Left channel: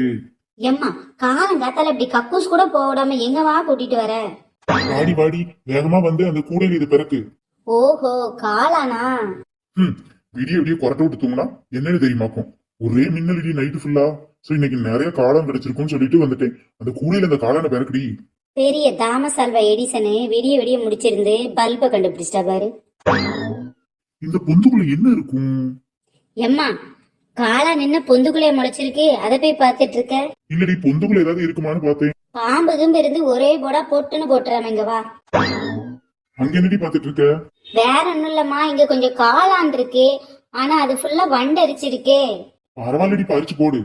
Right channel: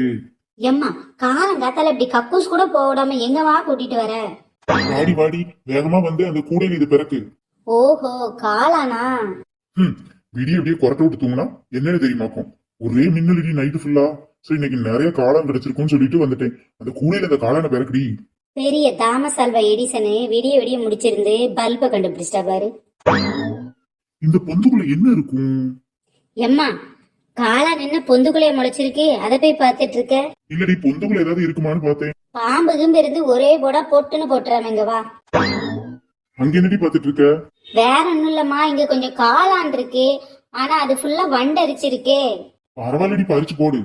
இருக்கு. எம்மா, காலங்காத்தால இப்படி கக்கூஸ் கூட போடாம எங்கவா கூட்டிட்டு வர? வாடி வாடி, வேகமா வந்து அந்த கூடையில இது பிறக்கு. ஓஹோ, காளானா? விடிய விடிய கொரட்டை விட்டு தூங்கினா என்னன்னு தெரியுமாக்கும். ஒரே மின்னலடி நைட்டு ஃபுல்லா. சரி, இன்னைக்கு நிறைய காளான் கிடைச்சிருக்கும்னு சொல்லிட்டு வந்துட்டேன். அந்த கூடையில அந்த காளானை பிறக்குடி. பெரிய தாமஸ் ஆல்வா எடிசனு விடிய விடிய முடிச்சிருந்து பல்ப கண்டுபிடிச்சிட்டா பாரு. இந்த பொந்துக்குள்ள என்ன இருக்கும்? எம்மா, காளான் என்ன பொந்துக்குள்ளே முளைச்சிருக்கு, அதை போய் பார்த்துட்டு இருக்க? இல்லடி, பொந்துக்குள்ள ஏதாவது இருக்குமான்னு பார்த்தேன். பாம்பு கிம்பு இருந்து ஒரே போடா பொட்டுன்னு போட்டுறாமங்க வா. அங்க என்னடி பாத்துட்டு இருக்க? வேற ஒண்ணும் இல்லம்மா, இங்க கொஞ்சம் காளான் இருக்கு. ஆனா அது ஃபுல்லா வண்டரிச்சிருக்கே. பரவாயில்லடி, பறிச்சு போடு.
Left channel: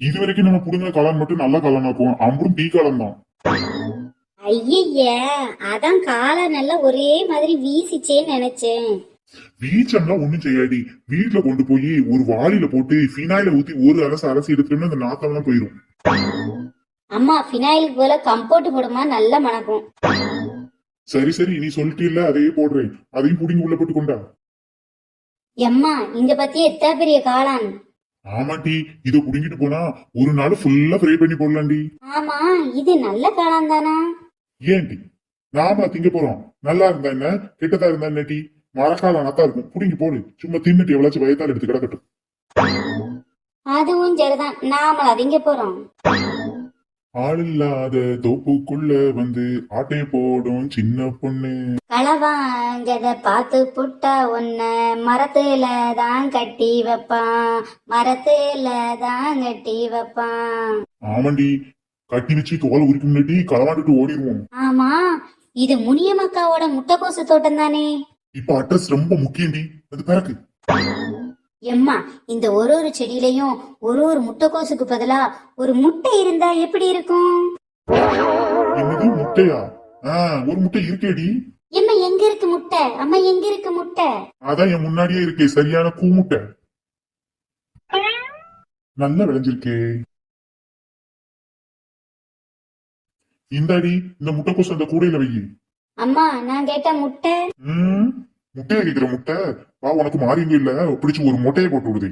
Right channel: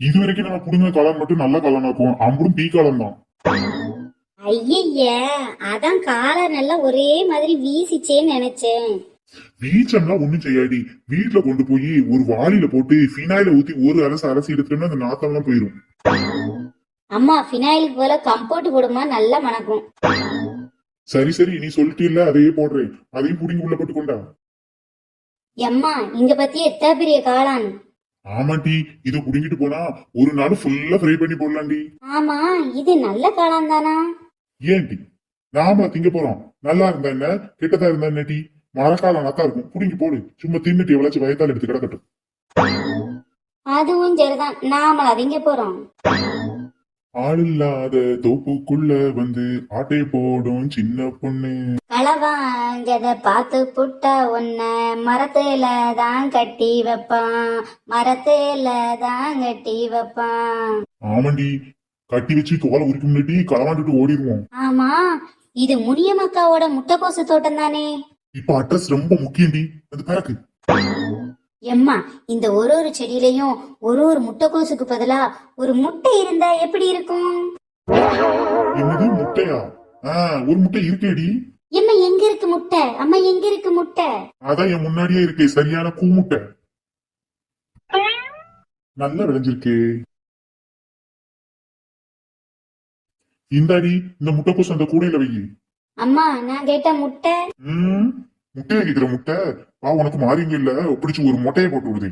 இது வரைக்கும் நம்ம புடுங்க காளான் மட்டும் நல்ல காளானாக்கும். அம்புடும் டீ காளான் தான். ஐய, அதான் காளான் எல்லாம் ஒரே மாதிரி வீசிச்சேன்னு நினைச்சேன். வீச்சம்லாம் ஒண்ணும் செய்யாடி. வீட்டுல கொண்டு போய் ஒரு வாளியில போட்டு ஃபினாயில ஊத்தி ஒரு அலசி எடுத்துட்டோம்னா அந்த நாத்தம் எல்லாம் போயிடும். அம்மா, ஃபினாயிலுக்கு போல கம்போர்ட் போடுமா, நல்லா மணக்கும். சரி சரி, நீ சொல்லிட்டீல்ல, அதையே போடுறேன். அதையும் புடிங்கி உள்ள போட்டு கொண்டா. எம்மா, இங்க பத்தி எத்தனை பெரிய காளான். ஆமாட்டி, இதை புடிங்கிட்டு போனா ஒரு நாள் ஃபுல்லா ஃப்ரை பண்ணி போடலாண்டி. ஆமா, இது நல்ல காளான் தானா? ஏன்டி, நாம திங்க போறோம். நல்லா இருந்தா என்ன, கெட்டதா இருந்தா என்ன டி? மரக்காலம் நத்தா இருக்கும், புடிங்கி போடு. சும்மா தின்னுட்டு எவ்வளவு வயதால் எடுத்து கிடக்கட்டும். அதுவும் சரிதான், நாம அதிங்க போறோம். ஆள் இல்லாத தோப்புக்குள்ள வந்து ஆட்டை போடும் சின்ன பொண்ணு. களவாஞ்சத பார்த்து புட்டா உன்ன மரத்துல தான் கட்டி வைப்பான், மரத்துல தான் கட்டி வைப்பான். ஆமாண்டி, கட்டி வச்சு தோலை உரிக்க முன்னாடி களவாண்டுட்டு ஓடிடுவோம். ஆமா, இது முனியமக்காவோட முட்டைக்கோசு தோட்டம் தானே? இப்ப அட்ரஸ் ரொம்ப முக்கியம்டி, அது பிறகு. எம்மா, இந்த ஒரு செடியிலையும் ஒரு முட்டைக்கோசுக்கு பதிலா ஒரு முட்டை இருந்தா எப்படி இருக்கும்? என்னது முட்டையா? ஒரு முட்டை இருக்கேடி. எம்மா, எங்க இருக்கு முட்டை? அம்மா, எங்க இருக்கு முட்டை? அதான் என் முன்னாடியே இருக்கே, சரியான கூமுட்டை. நல்லா விளைஞ்சிருக்கே. இந்தாடி, இந்த முட்டைக்கோசு அந்த கூடையில வை. அம்மா, நான் கேட்டா முட்டை. முட்டையை கேக்குற முட்டை? வா, உனக்கு மாறிங்க இல்ல, பிடிச்சு ஒரு முட்டையை போட்டு விடுது.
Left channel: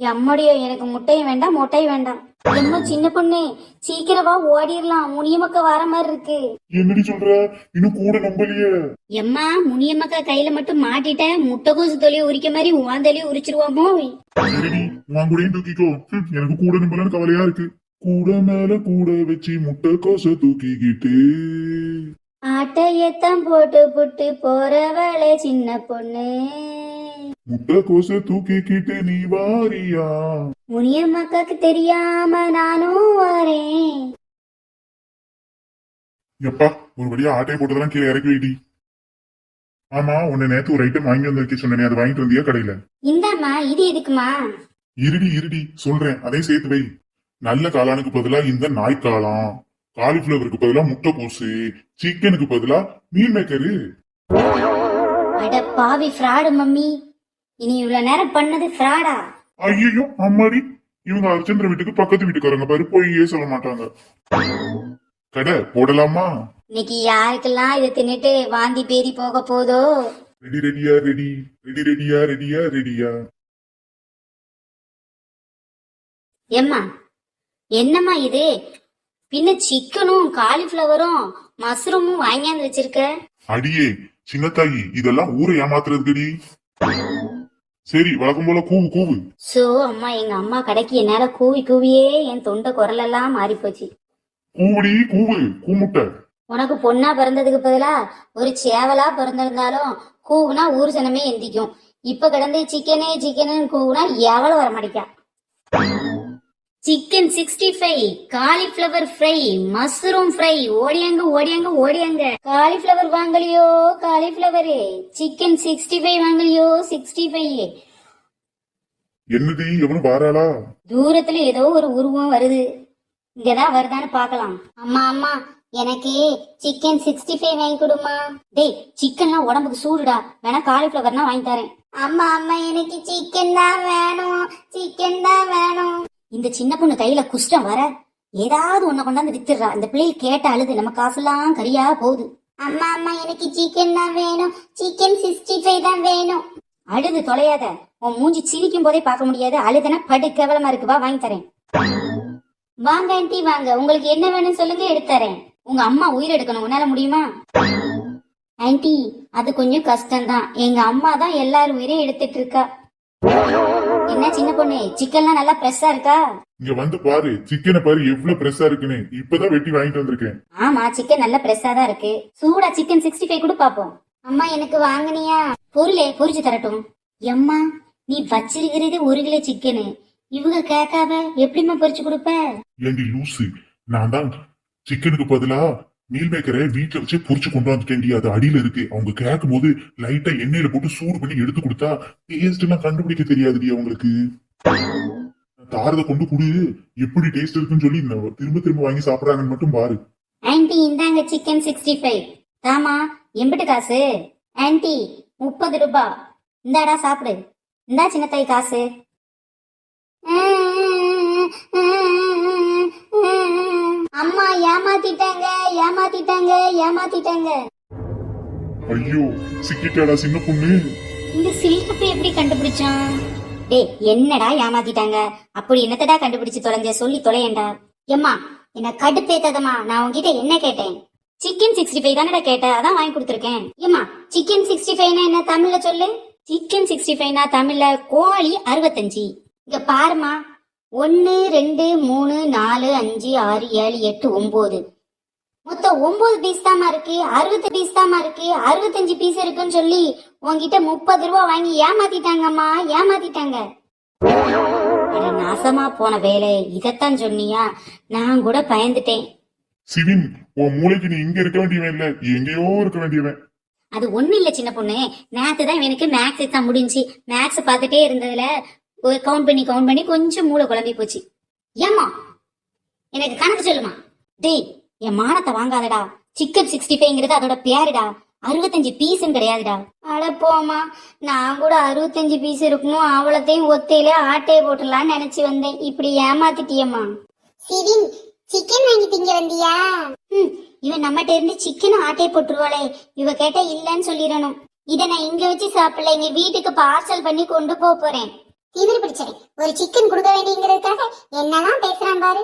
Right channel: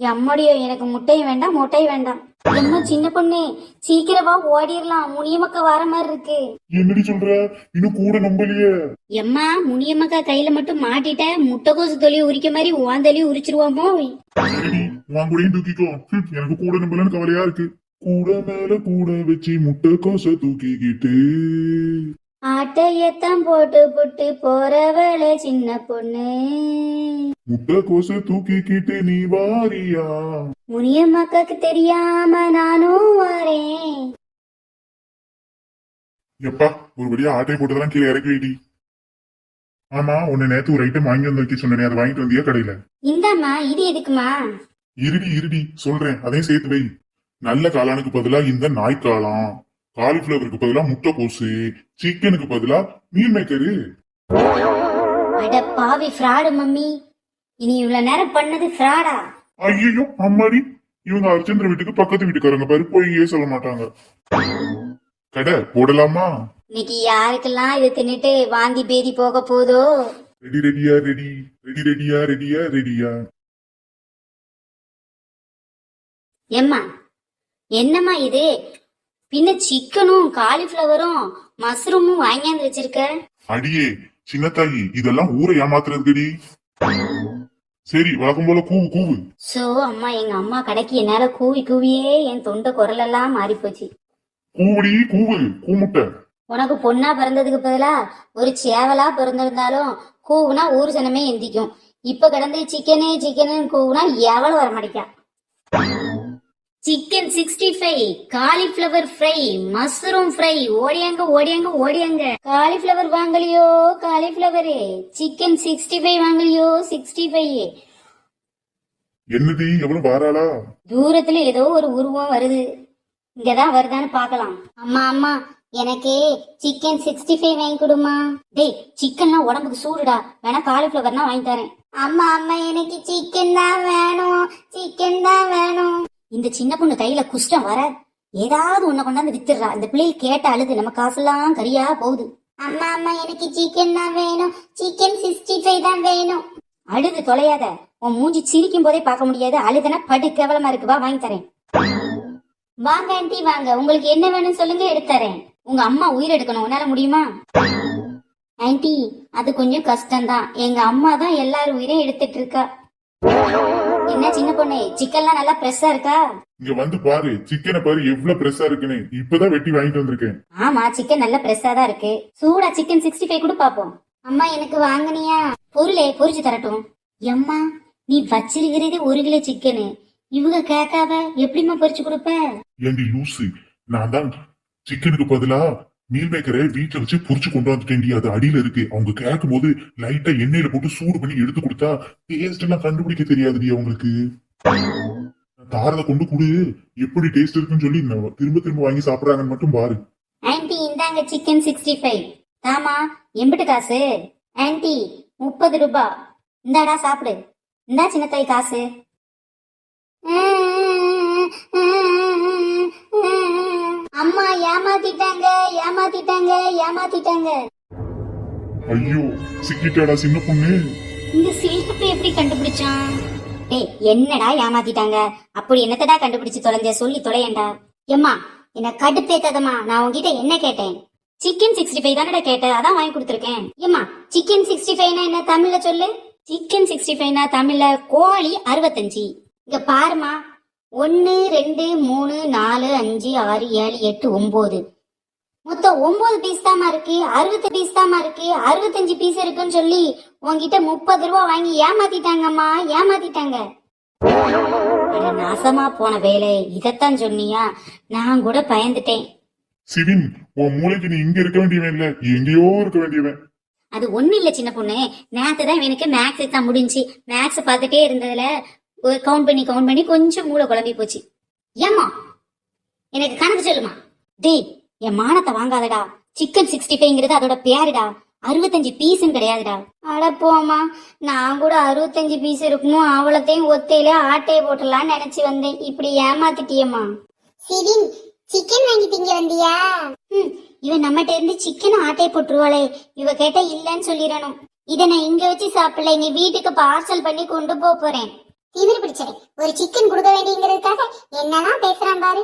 எம்முடைய, எனக்கு முட்டையும் வேண்டாம் முட்டையும் வேண்டாம். எம்மா, சின்ன பொண்ணு, சீக்கிரமா ஓடிடலாம், முனியமக்கா வர மாதிரி இருக்கு. என்னடி சொல்ற? இன்னும் கூட நம்பலையே. எம்மா, முனியமக்கா கையில மட்டும் மாட்டிட்டேன், முட்டைக்கோசு தொழில் உரிக்க மாதிரி உன் தொழில் உரிச்சிருவாமோ? சரிடி, உன் கூடயும் தூக்கிக்கோ. எனக்கு கூட நம்பலன்னு கவலையா இருக்கு. கூட மேல கூட வச்சு முட்டைக்கோச தூக்கிக்கிட்டு ஆட்டையத்தான் போட்டு புட்டு போறவளே சின்ன பொண்ணு. முட்டைக்கோச தூக்கிக்கிட்டு நீ வாரியா? முனியம்மாக்கு தெரியாம நானும் வரேன். எப்பா, ஒரு வழியா ஆட்டையை போட்டுதான் கீழே இறக்கி வைடி. ஆமா, உன்னை நேத்து ஒரு ஐட்டம் வாங்கி வந்து வைக்க சொன்னேன், அதை வாங்கிட்டு வந்தியா கடையில? இந்தாம்மா, இது எதுக்குமா? இருடி சொல்றேன், அதையும் சேர்த்து வை. நல்ல காளானுக்கு பதிலா இந்த நாய் காளான், காலிஃபிளவருக்கு பதிலா முட்டைக்கோசு, சிக்கனுக்கு பதிலா மீன் மேக்கரு. அட பாவி, ஃப்ராடு மம்மி. இனி இவ்வளவு நேரம் பண்ணது ஃப்ராடா? ஐயோ அம்மாடி, இவங்க அர்ச்சந்திர வீட்டுக்கு பக்கத்து வீட்டுக்காரங்க பாரு, போய் சொல்ல மாட்டாங்க. கடை போடலாமா? இன்னைக்கு யாருக்கெல்லாம் இதை தின்னுட்டு வாந்தி பேதி போக போதோ? ரெடியா. எம்மா, என்னம்மா இது? பின்ன சிக்கனும் காலிஃபிளவரும் மஷ்ரூமும் வாங்கியாந்து வச்சிருக்க? அடியே சின்னத்தாயி, இதெல்லாம் ஊரை ஏமாத்துறதுடி. சரி, வழக்கம் போல கூவு. சோ அம்மா, எங்க அம்மா கடைக்கு என்னால கூவி கூவியே என் தொண்டை குரல் எல்லாம் மாறி போச்சு. கூமுட்டை. உனக்கு பொண்ணா பிறந்ததுக்கு பதிலா ஒரு சேவலா பிறந்திருந்தாலும் கூவுனா ஊர் சனமே எந்திக்கும். இப்ப கிடந்து சிக்கனு கூவுனா எவ்வளவு வர மாட்டேக்கா. Chicken 65, cauliflower fry, mushroom fry. ஓடியாங்க. காலிஃபிளவர் வாங்கலையோ காலிஃபிளவரு, சிக்கன் 65 வாங்கலையோ 65. என்னது, எவ்வளவு வாராளா? தூரத்துல ஏதோ ஒரு உருவம் வருது, இங்கதான் வருதான்னு பாக்கலாம். அம்மா, எனக்கு சிக்கன் 65 வாங்கி கொடுமா. டேய், சிக்கன்லாம் உடம்புக்கு சூடுடா, வேணா காலிஃபிளவர்னா வாங்கி தரேன். அம்மா, எனக்கு சிக்கன் தான் வேணும். இந்த சின்ன பொண்ணு கையில குஷ்டம் வர ஏதாவது ஒண்ணு கொண்டாந்து வித்துடுறா. இந்த பிள்ளைகள் கேட்ட அழுது நம்ம காசெல்லாம் கரியா போகுது. அம்மா, எனக்கு சிக்கன் தான் வேணும், சிக்கன் 65 தான் வேணும். அழுது தொலையாத, உன் மூஞ்சி சிரிக்கும் போதே பார்க்க முடியாது, அழுதுனா படு கேவலமா இருக்கு, வா வாங்கி தரேன். வாங்க ஆண்டி வாங்க, உங்களுக்கு என்ன வேணும்னு சொல்லுங்க, எடுத்து தரேன். உங்க அம்மா உயிர் எடுக்கணும், உன்னால முடியுமா? ஆண்டி அது கொஞ்சம் கஷ்டம்தான், எங்க அம்மா தான் எல்லாரும் உயிரை எடுத்துட்டு இருக்கா. என்ன சின்ன பொண்ணு, சிக்கன்லாம் நல்லா ஃப்ரெஷ்ஷா இருக்கா? இங்க வந்து பாரு, சிக்கனை பாரு எவ்வளவு ஃப்ரெஷ்ஷா இருக்குன்னு. இப்பதான் வெட்டி வாங்கிட்டு வந்திருக்கேன். ஆமா சிக்கன் நல்ல ஃப்ரெஷ்ஷா தான் இருக்கு. சூடா சிக்கன் 65 கூட பாப்போம். அம்மா எனக்கு வாங்குனியா? பொருளே பொரிச்சு தரட்டும். அம்மா நீ வச்சிருக்கிறது 1 கிலோ சிக்கனு, இவங்க கேட்காம எப்படிம்மா பொரிச்சு கொடுப்ப? ஏண்டி லூசு, நான் தான் சிக்கனுக்கு பதிலா மீல் மேக்கரை வீட்டுல வச்சு பொரிச்சு கொண்டு வந்துட்டேன்டி. அது அடியில இருக்கு. அவங்க கேட்கும் போது லைட்டா எண்ணெயில போட்டு சூடு பண்ணி எடுத்து கொடுத்தா டேஸ்ட் எல்லாம் கண்டுபிடிக்க தெரியாதுடி அவங்களுக்கு. தாரத கொண்டு குடு, எப்படி டேஸ்ட் இருக்குன்னு சொல்லி திரும்ப திரும்ப வாங்கி சாப்பிடுறாங்கன்னு மட்டும் பாரு. ஆன்ட்டி இந்தாங்க சிக்கன் 65. தாமா எம்பிட்டு காசு? ஆன்ட்டி 30 ரூபாய். இந்தாடா சாப்பிடு. இந்தா சின்ன தாய் காசு. அம்மா ஏமாத்திட்டாங்க ஏமாத்திட்டாங்க ஏமாத்திட்டாங்க. ஐயோ சிக்கிட்டாடா சின்ன பொண்ணு. இந்த சில்கப்பை எப்படி கண்டுபிடிச்சான்? டேய் என்னடா ஏமாத்திட்டாங்க, அப்படி என்னத்தடா கண்டுபிடிச்சு தொலைஞ்ச, சொல்லி தொலையண்டா. எம்மா என்ன கடுப்பேத்தாதம்மா, நான் உங்ககிட்ட என்ன கேட்டேன்? சிக்கன் 65 தானடா கேட்டேன், அதான் வாங்கி கொடுத்துருக்கேன். ஏம்மா சிக்கன் 65 என்ன தமிழ்ல சொல்லு. சிக்கன் 65 தமிழ்ல கோழி 65. இங்க பாருமா, 1 2 3 4 5 6 7 8 9 மொத்தம் 9 பீஸ் தாமா இருக்கு. 60 பீஸ் தாமா இருக்கு. 65 பீஸ் இருக்குன்னு சொல்லி உன்கிட்ட 30 ரூபாய் வாங்கி ஏமாத்திட்டாங்கம்மா, ஏமாத்திட்டாங்க. அட நாசமா போன வேலை, இதத்தான் சொன்னியா? நான் கூட பயந்துட்டேன். சிவின், உன் மூளைக்கு நீ இங்க இருக்க வேண்டியவன் இல்ல, எங்கேயோ இருக்க வேண்டியவன். அது ஒண்ணு இல்ல சின்ன பொண்ணு, நேத்துதான் எனக்கு மேக்ஸ் எக்ஸாம் முடிஞ்சு மேக்ஸ் பார்த்துட்டே இருந்ததுல கவுண்ட் பண்ணி கொஞ்சம் மூளை குழம்பி போச்சு. ஏம்மா எனக்கு கணக்கு சொல்லுமா? டேய் என் மானத்தை வாங்காதடா. சிக்கன் 65ங்கிறது அதோட பேருடா, 65 பீஸும் கிடையாதுடா. அட போமா, நான் கூட 65 பீஸ் இருக்குமோ அவ்வளத்தையும் ஒத்தையில ஆட்டையை போட்டுலான்னு நினைச்சு வந்தேன். இப்படி ஏமாத்திட்டியம்மா. சிவின் சிக்கன் வாங்கி திங்க வந்தியா? இவன் நம்மகிட்ட இருந்து சிக்கன் ஆட்டையை போட்டுருவாளே, இவ கேட்ட இல்லன்னு சொல்லிடணும். இதை நான் இங்க வச்சு சாப்பிடல, எங்க வீட்டுக்கு பார்சல் பண்ணி கொண்டு போறேன். தீவிர பிடிச்சேன், ஒரு சிக்கன் கொடுக்க வேண்டியங்கிறதுக்காக என்னெல்லாம் பேசுறான் பாரு.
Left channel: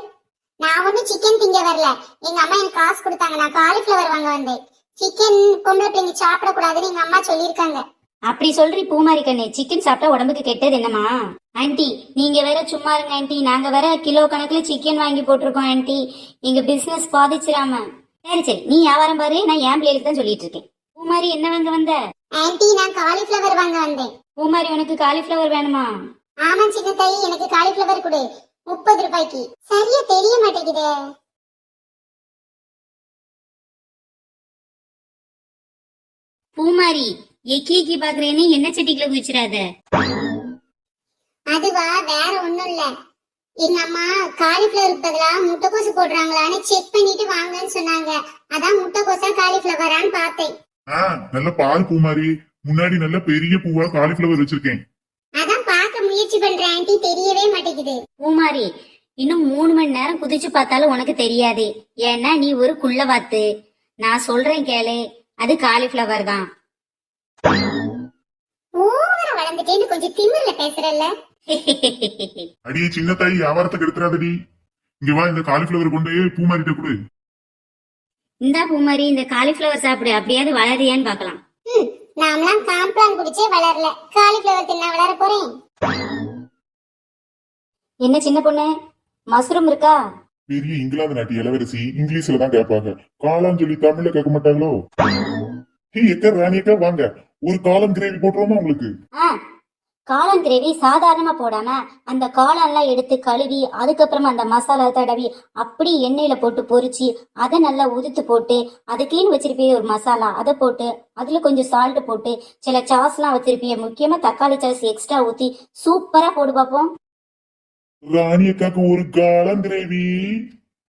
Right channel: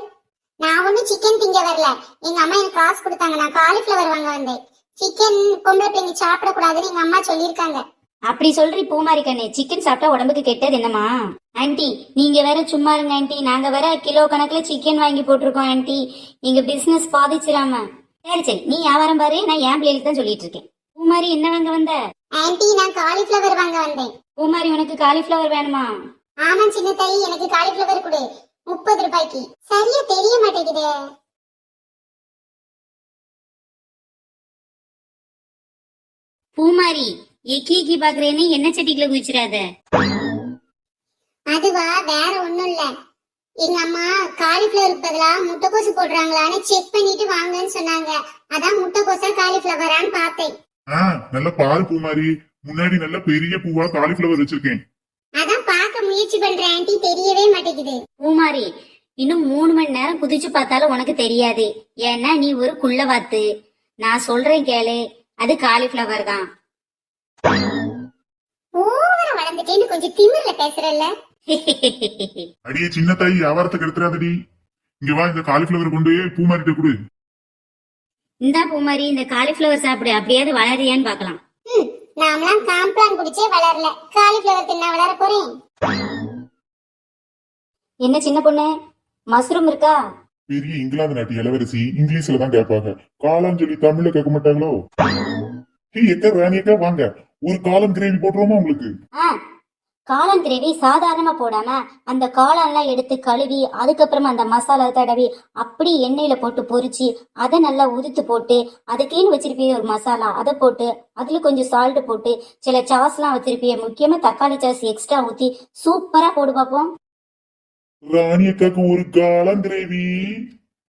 நான் ஒன்னும் சிக்கன் திங்க வரல, எங்க அம்மா எனக்கு காசு கொடுத்தாங்க, நான் காலிஃபிளவர் வாங்க வந்தேன். சிக்கன் பொம்பளை பிள்ளைங்க சாப்பிடக்கூடாதுன்னு எங்க அம்மா சொல்லியிருக்காங்க. அப்படி சொல்றீ பூமாரி கண்ணு, சிக்கன் சாப்பிட்டா உடம்புக்கு கெட்டது என்னமா? ஆன்ட்டி நீங்க வேற சும்மா இருங்க ஆன்ட்டி, நாங்க வேற கிலோ கணக்குல சிக்கன் வாங்கி போட்டிருக்கோம் ஆன்ட்டி, எங்க பிசினஸ் பாதிச்சிராம. சரி சரி நீ வியாபாரம் பாரு, நான் என் பிள்ளைகளுக்கு தான் சொல்லிட்டு இருக்கேன். பூமாரி என்ன வாங்க வந்த? ஆன்ட்டி நான் காலிஃபிளவர் வாங்க வந்தேன். பூமாரி உனக்கு காலிஃபிளவர் வேணுமா? ஆமா சின்ன தாயி, எனக்கு காலிஃபிளவர் கொடு, 30 ரூபாய்க்கு. சரியா தெரிய மாட்டேங்குதே. பூமாரி எக்கி பாக்குறேன்னு என்ன செட்டிக்குள்ள குதிச்சிடாத. அதுவா வேற ஒண்ணும் இல்ல, எங்க அம்மா காலிஃபிளவருக்கு பதிலா முட்டைக்கோசு போடுறாங்களான்னு செக் பண்ணிட்டு வாங்கன்னு சொன்னாங்க, அதான் முட்டைக்கோசா காலிஃபிளவரான்னு பார்த்தேன். நல்ல பால் பூமாரி, முன்னாடி நல்ல பெரிய பூவா காலிஃபிளவர் வச்சிருக்கேன். அதான் பார்க்க முயற்சி பண்றேன் ஆன்ட்டி, தெரியவே மாட்டேங்குது. பூமாரி இன்னும் 3 மணி நேரம் குதிச்சு பார்த்தாலும் உனக்கு தெரியாது, ஏன்னா நீ ஒரு குள்ளவாத்து. நான் சொல்றேன் கேளு, அது காலிஃபிளவர் தான். ஓவரா வளர்ந்துட்டேன்னு கொஞ்சம் திமிர்ல பேசுறல்ல. அடியே சின்ன தாய், வியாபாரத்துக்கு எடுத்துறாதடி. இங்க வா, இந்த காலிஃபிளவர் கொண்டு பூமாரிட்ட கொடு. இந்தா பூமாரி, இந்த காலிஃபிளவர் சாப்பிடு, அப்படியாவது வளரியான்னு பாக்கலாம். நாமலாம் காம்ப்ளான் குடிச்சே வளரல, காலிஃபிளவர் தின்னா வளர போறேன். என்ன சின்ன பொண்ணு, மஷ்ரூம் இருக்கா? பெரிய இங்கிலாந்து நாட்டு இளவரசி இங்கிலீஷ்ல தான் கேட்பாங்க, காளான்னு சொல்லி தமிழ்ல கேட்க மாட்டாங்களோ? ராணியக்கா வாங்க, ஒரு காளான் கிரேவி போடுறோமா உங்களுக்கு? காளான் கிரேவி சாதாரணமா போடாம அந்த காளான்லாம் எடுத்து கழுவி அதுக்கப்புறமா அந்த மசாலா தடவி அப்படி எண்ணெயில போட்டு பொரிச்சு அதை நல்லா உதுத்து போட்டு அதுக்குன்னு வச்சிருப்பீங்க ஒரு மசாலா, அதை போட்டு அதுல கொஞ்சம் சால்ட் போட்டு சில சாஸ்லாம் வச்சிருப்பீங்க, முக்கியமா தக்காளி சாஸ் எக்ஸ்ட்ரா ஊத்தி சூப்பரா போடு பாப்போம். ராணியக்காக்கு ஒரு காளான் கிரேவி.